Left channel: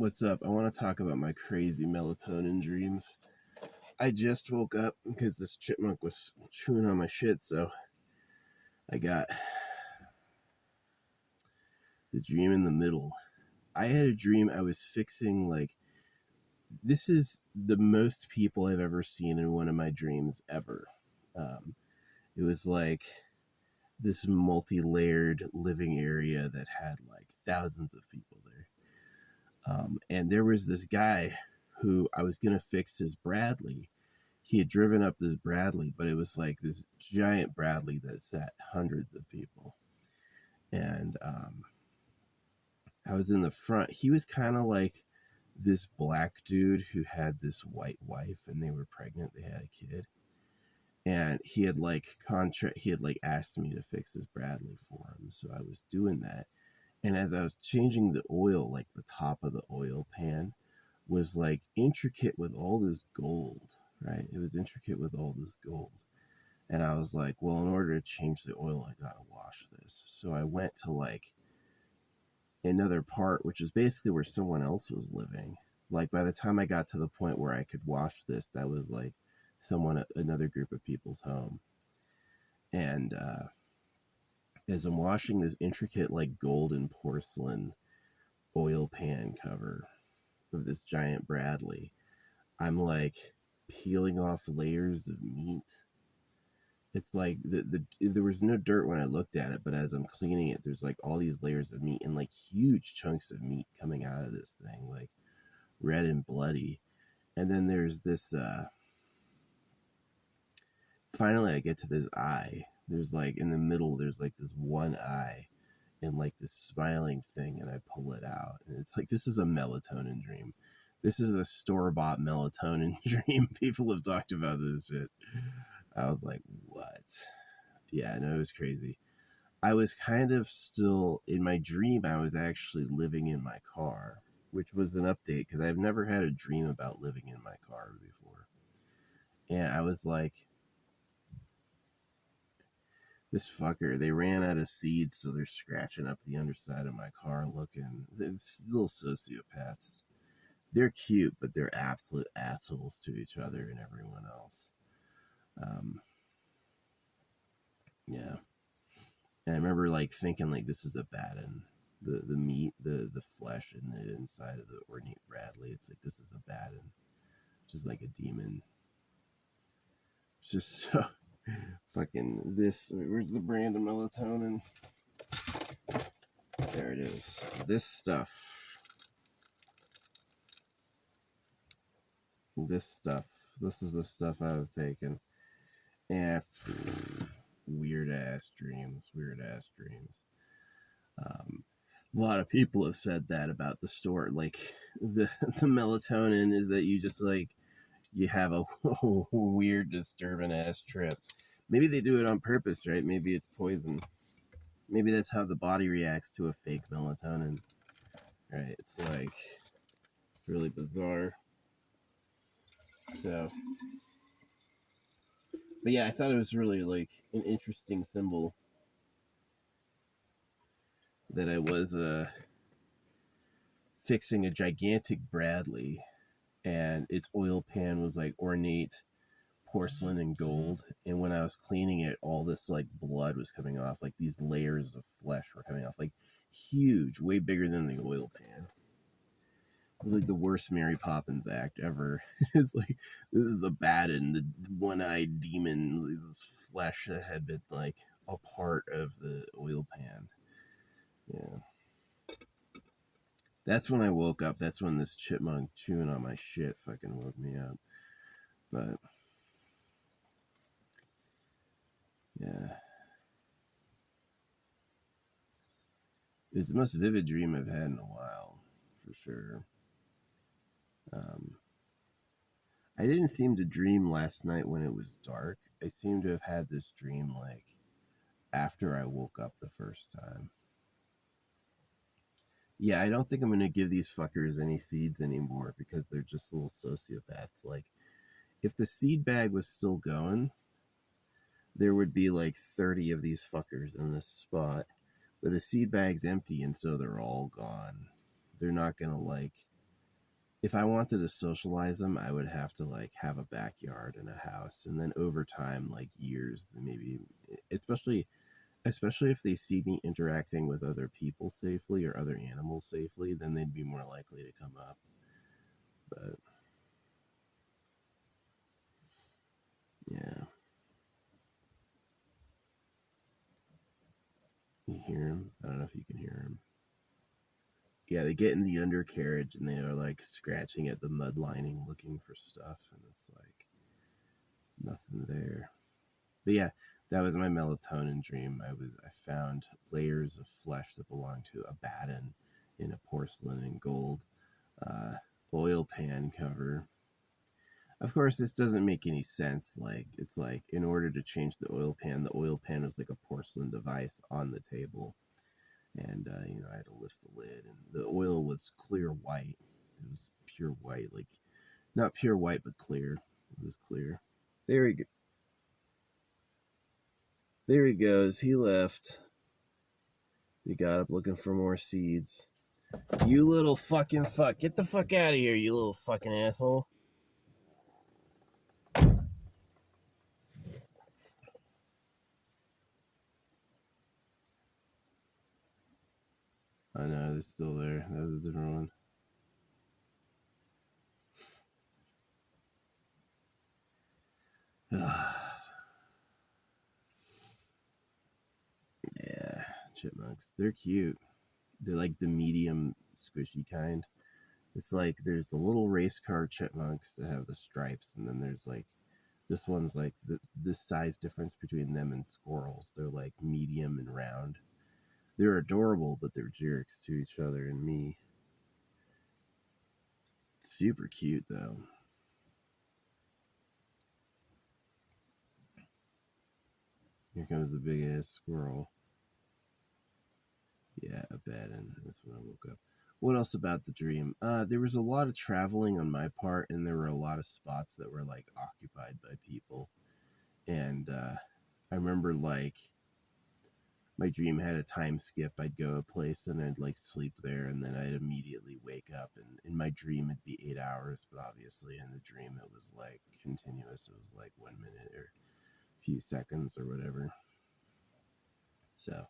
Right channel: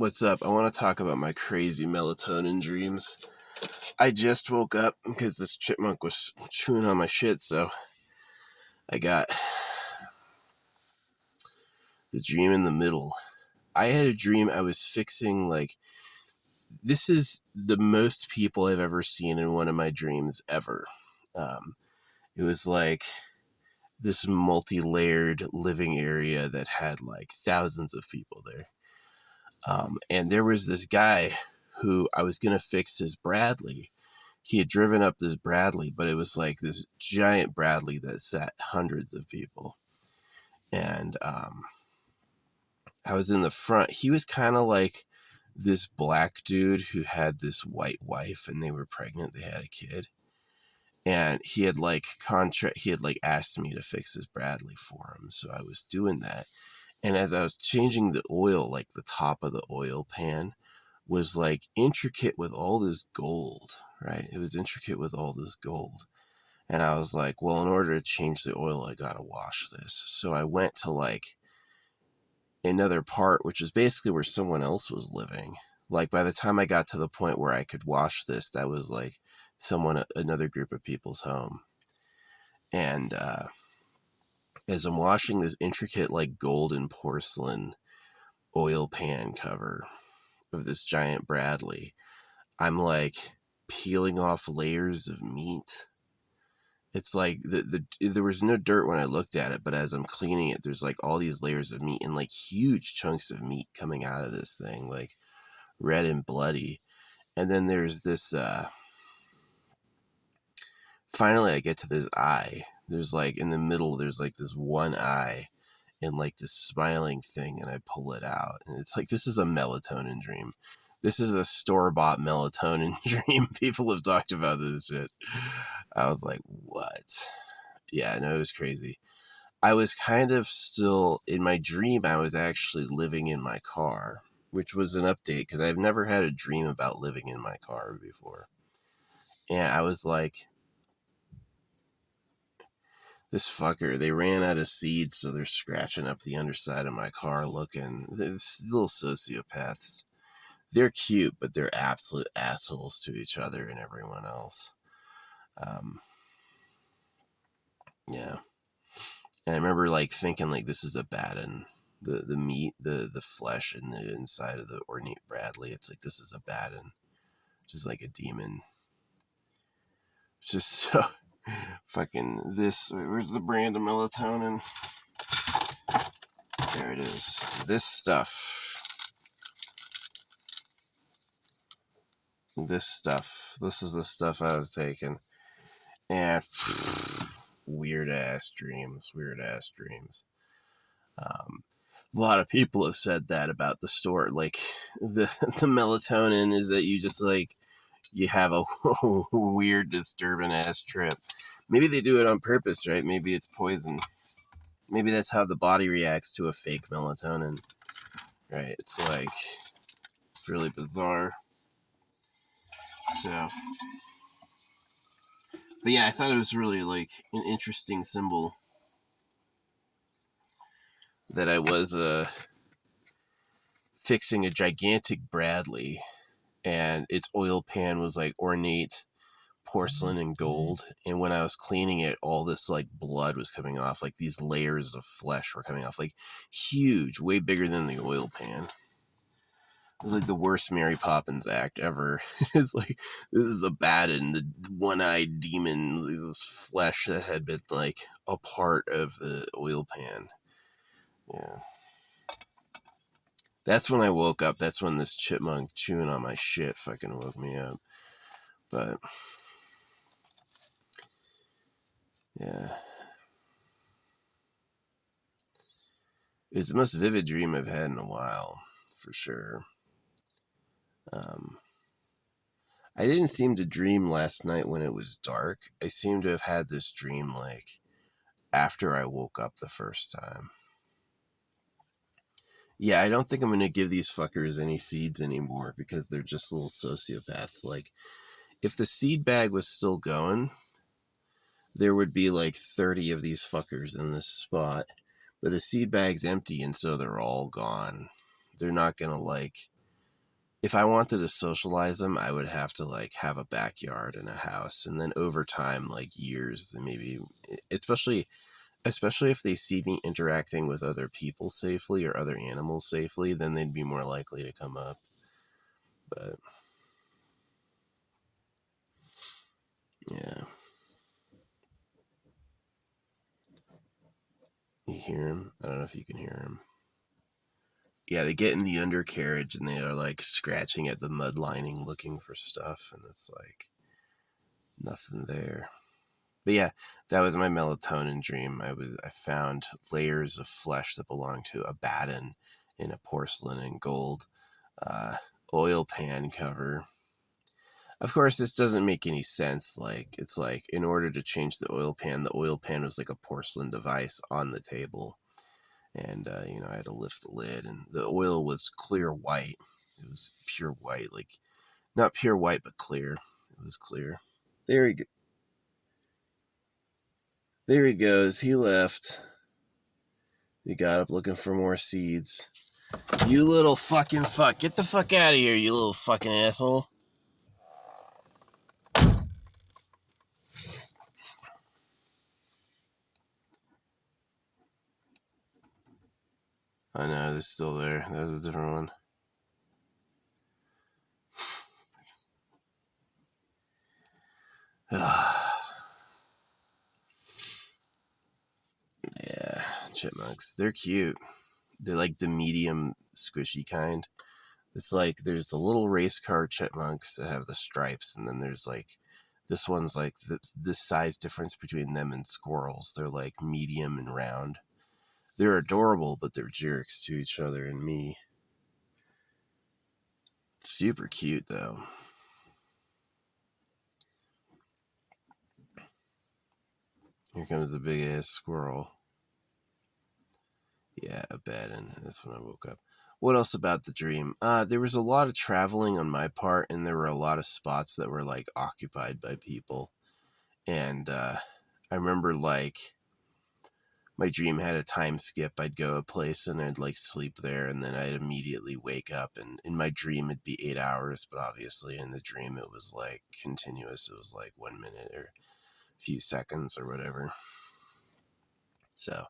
What's up? I want to talk about my crazy melatonin dreams. I just woke up because this chipmunk was chewing on my shit, so I got the dream in the middle. I had a dream I was fixing, this is the most people I've ever seen in one of my dreams ever. It was like this multi-layered living area that had like thousands of people there. And there was this guy who I was going to fix his Bradley. He had driven up this Bradley, but it was like this giant Bradley that sat hundreds of people. And I was in the front. He was kind of like this black dude who had this white wife and they were pregnant. They had a kid. And he had asked me to fix his Bradley for him. So I was doing that. And as I was changing the oil, like the top of the oil pan was like intricate with all this gold, right? It was intricate with all this gold. And I was like, well, in order to change the oil, I gotta wash this. So I went to like another part, which is basically where someone else was living. Like by the time I got to the point where I could wash this, that was like another group of people's home. And as I'm washing this intricate like golden porcelain oil pan cover of this giant Bradley, I'm like peeling off layers of meat. It's like there was no dirt when I looked at it, but as I'm cleaning it, there's like all these layers of meat and like huge chunks of meat coming out of this thing, like red and bloody. And then there's this, finally I get to this eye. There's like in the middle, there's like this one eye and like this smiling thing, and I pull it out. And it's like, this is a melatonin dream. This is a store-bought melatonin dream. People have talked about this shit. I was like, what? Yeah, no, it was crazy. I was kind of still, in my dream, I was actually living in my car, which was an update because I've never had a dream about living in my car before. And I was like, this fucker, they ran out of seeds, so they're scratching up the underside of my car looking. They're little sociopaths. They're cute, but they're absolute assholes to each other and everyone else. Yeah. And I remember like thinking like, this is a baden. The meat, the flesh in the inside of the ornate Bradley. It's like, this is a baden. Just like a demon. It's just so fucking this. Where's the brand of melatonin? There it is. This stuff. This is the stuff I was taking. And weird ass dreams. A lot of people have said that about the store. Like the melatonin is that you just like, you have a weird disturbing ass trip. Maybe they do it on purpose, right? Maybe it's poison. Maybe that's how the body reacts to a fake melatonin, right? It's like, it's really bizarre. So, but yeah, I thought it was really like an interesting symbol that I was fixing a gigantic Bradley, and its oil pan was like ornate porcelain and gold, and when I was cleaning it, all this like blood was coming off, like these layers of flesh were coming off, like huge, way bigger than the oil pan. It was like the worst Mary Poppins act ever. It's like, this is a baden, the one-eyed demon, this flesh that had been like a part of the oil pan. Yeah. That's when I woke up. That's when this chipmunk chewing on my shit fucking woke me up. But yeah. It's the most vivid dream I've had in a while, for sure. I didn't seem to dream last night when it was dark. I seem to have had this dream like after I woke up the first time. Yeah, I don't think I'm going to give these fuckers any seeds anymore because they're just little sociopaths. Like, if the seed bag was still going, there would be like 30 of these fuckers in this spot. But the seed bag's empty, and so they're all gone. They're not going to like if I wanted to socialize them, I would have to like have a backyard and a house, and then over time, like years, maybe, especially if they see me interacting with other people safely or other animals safely, then they'd be more likely to come up. But yeah, you hear him. I don't know if you can hear him. Yeah, they get in the undercarriage and they are like scratching at the mud lining looking for stuff, and it's like nothing there. But yeah, that was my melatonin dream. I found layers of flesh that belonged to a batten in a porcelain and gold uh, oil pan cover. Of course, this doesn't make any sense. Like, it's like in order to change the oil pan was like a porcelain device on the table, and I had to lift the lid, and the oil was clear white. It was pure white, like not pure white, but clear. It was clear. There he go. There he goes. He left. He got up looking for more seeds. You little fucking fuck. Get the fuck out of here, you little fucking asshole. I know, they're still there. That was a different one. Yeah, chipmunks. They're cute. They're like the medium squishy kind. It's like there's the little race car chipmunks that have the stripes, and then there's like this one's like this size difference between them and squirrels. They're like medium and round. They're adorable, but they're jerks to each other and me. Super cute though. Here comes the big ass squirrel. Yeah, a bad end. That's when I woke up. What else about the dream? There was a lot of traveling on my part, and there were a lot of spots that were like occupied by people. And I remember like my dream had a time skip. I'd go a place and I'd like sleep there, and then I'd immediately wake up. And in my dream, it'd be 8 hours, but obviously in the dream, it was like continuous. It was like 1 minute or a few seconds or whatever. So,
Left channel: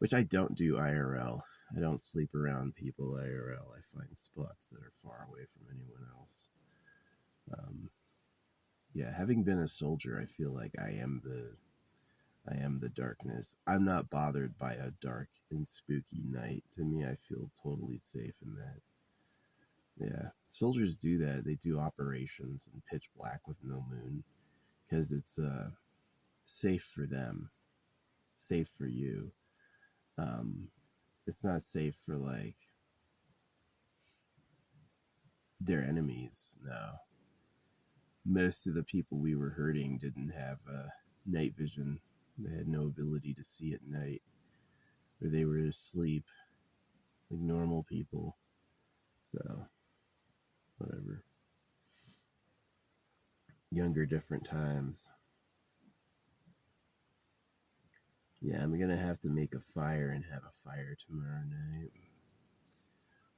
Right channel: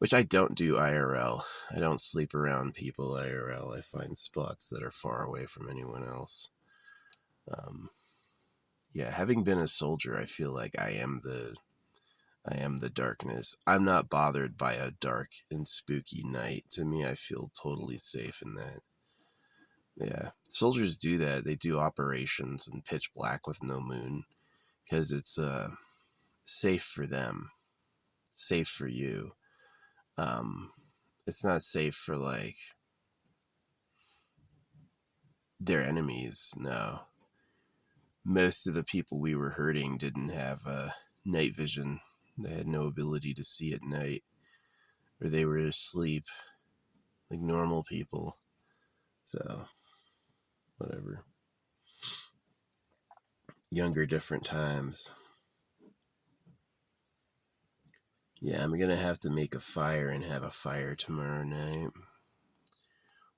which I don't do IRL. I don't sleep around people IRL. I find spots that are far away from anyone else. Yeah, having been a soldier, I feel like I am the darkness. I'm not bothered by a dark and spooky night. To me, I feel totally safe in that. Yeah, soldiers do that. They do operations in pitch black with no moon because it's safe for them, safe for you. Um, it's not safe for like their enemies. No, most of the people we were hurting didn't have night vision. They had no ability to see at night, or they were asleep like normal people. So, whatever. Younger, different times. Yeah, I'm gonna have to make a fire and have a fire tomorrow night.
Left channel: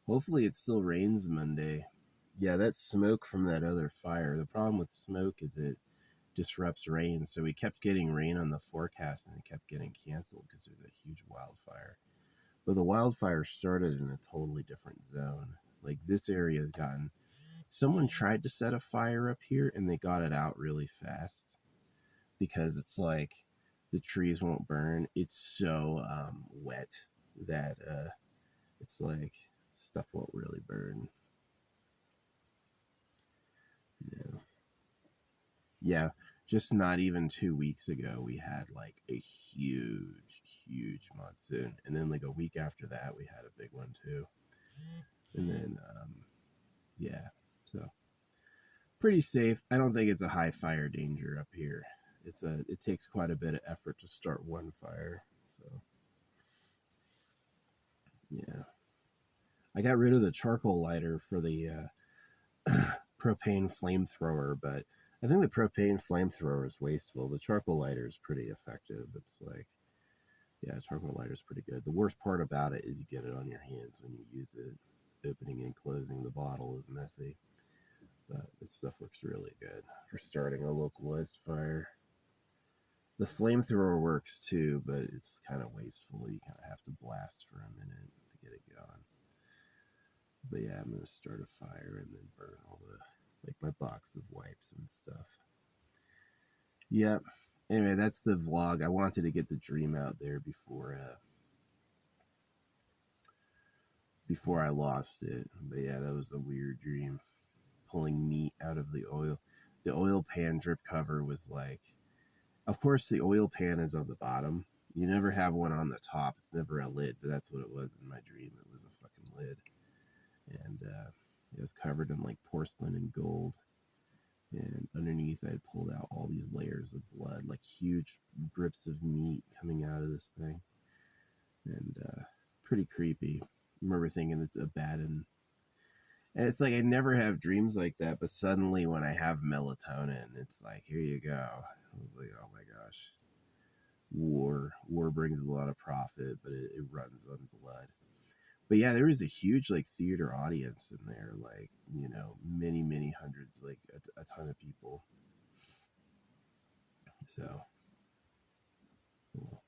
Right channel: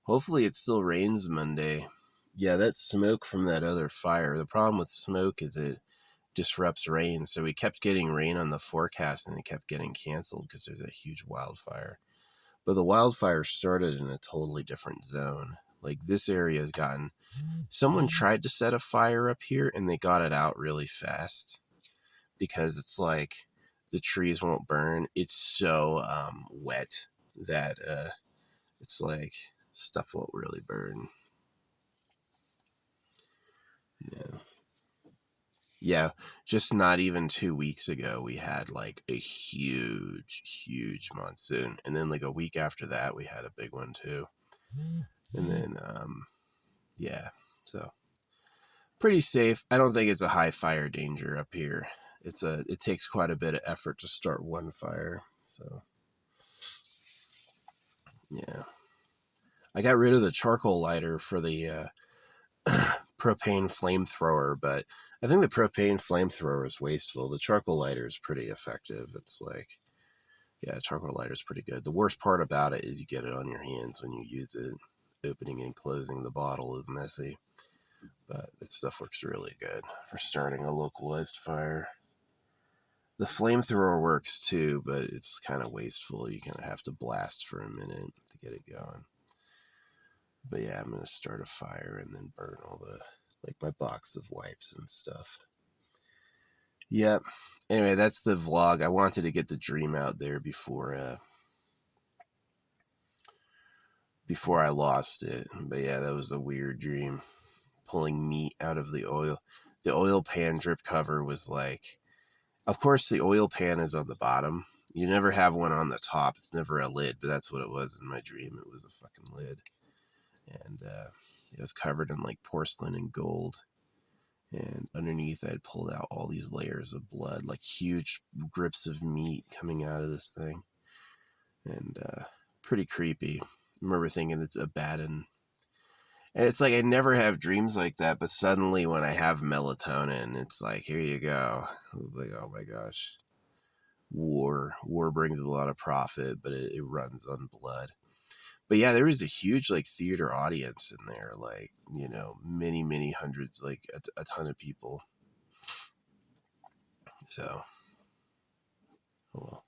Hopefully it still rains Monday. Yeah, that smoke from that other fire. The problem with smoke is it disrupts rain. So we kept getting rain on the forecast and it kept getting canceled because there's a huge wildfire. But the wildfire started in a totally different zone. Like this area has gotten, someone tried to set a fire up here and they got it out really fast because it's like the trees won't burn. It's so wet that it's like stuff won't really burn. Yeah. Yeah, just not even 2 weeks ago, we had like a huge monsoon. And then like a week after that, we had a big one too. And then, yeah, so pretty safe. I don't think it's a high fire danger up here. It takes quite a bit of effort to start one fire. So, yeah. I got rid of the charcoal lighter for the propane flamethrower, but I think the propane flamethrower is wasteful. The charcoal lighter is pretty effective. It's like, yeah, charcoal lighter is pretty good. The worst part about it is you get it on your hands when you use it. opening and closing the bottle is messy. But that stuff works really good for starting a localized fire. The flamethrower works too, but it's kind of wasteful. You kind of have to blast for a minute to get it going. But yeah, I'm going to start a fire and then burn all the, like, my box of wipes and stuff. Yep. Anyway, that's the vlog. I wanted to get the dream out there before I lost it. But yeah, that was a weird dream. Pulling meat out of the oil. The oil pan drip cover was like, of course the oil pan is on the bottom. You never have one on the top. It's never a lid, but that's what it was in my dream. It was a fucking lid. And it was covered in like porcelain and gold. And underneath I had pulled out all these layers of blood, like huge grips of meat coming out of this thing. And pretty creepy. I remember thinking it's Abaddon. And it's like I never have dreams like that, but suddenly when I have melatonin, it's like, here you go. Like, oh my gosh. War brings a lot of profit, but it runs on blood. But yeah, there was a huge like theater audience in there, like, you know, many hundreds, like a ton of people. So, oh well.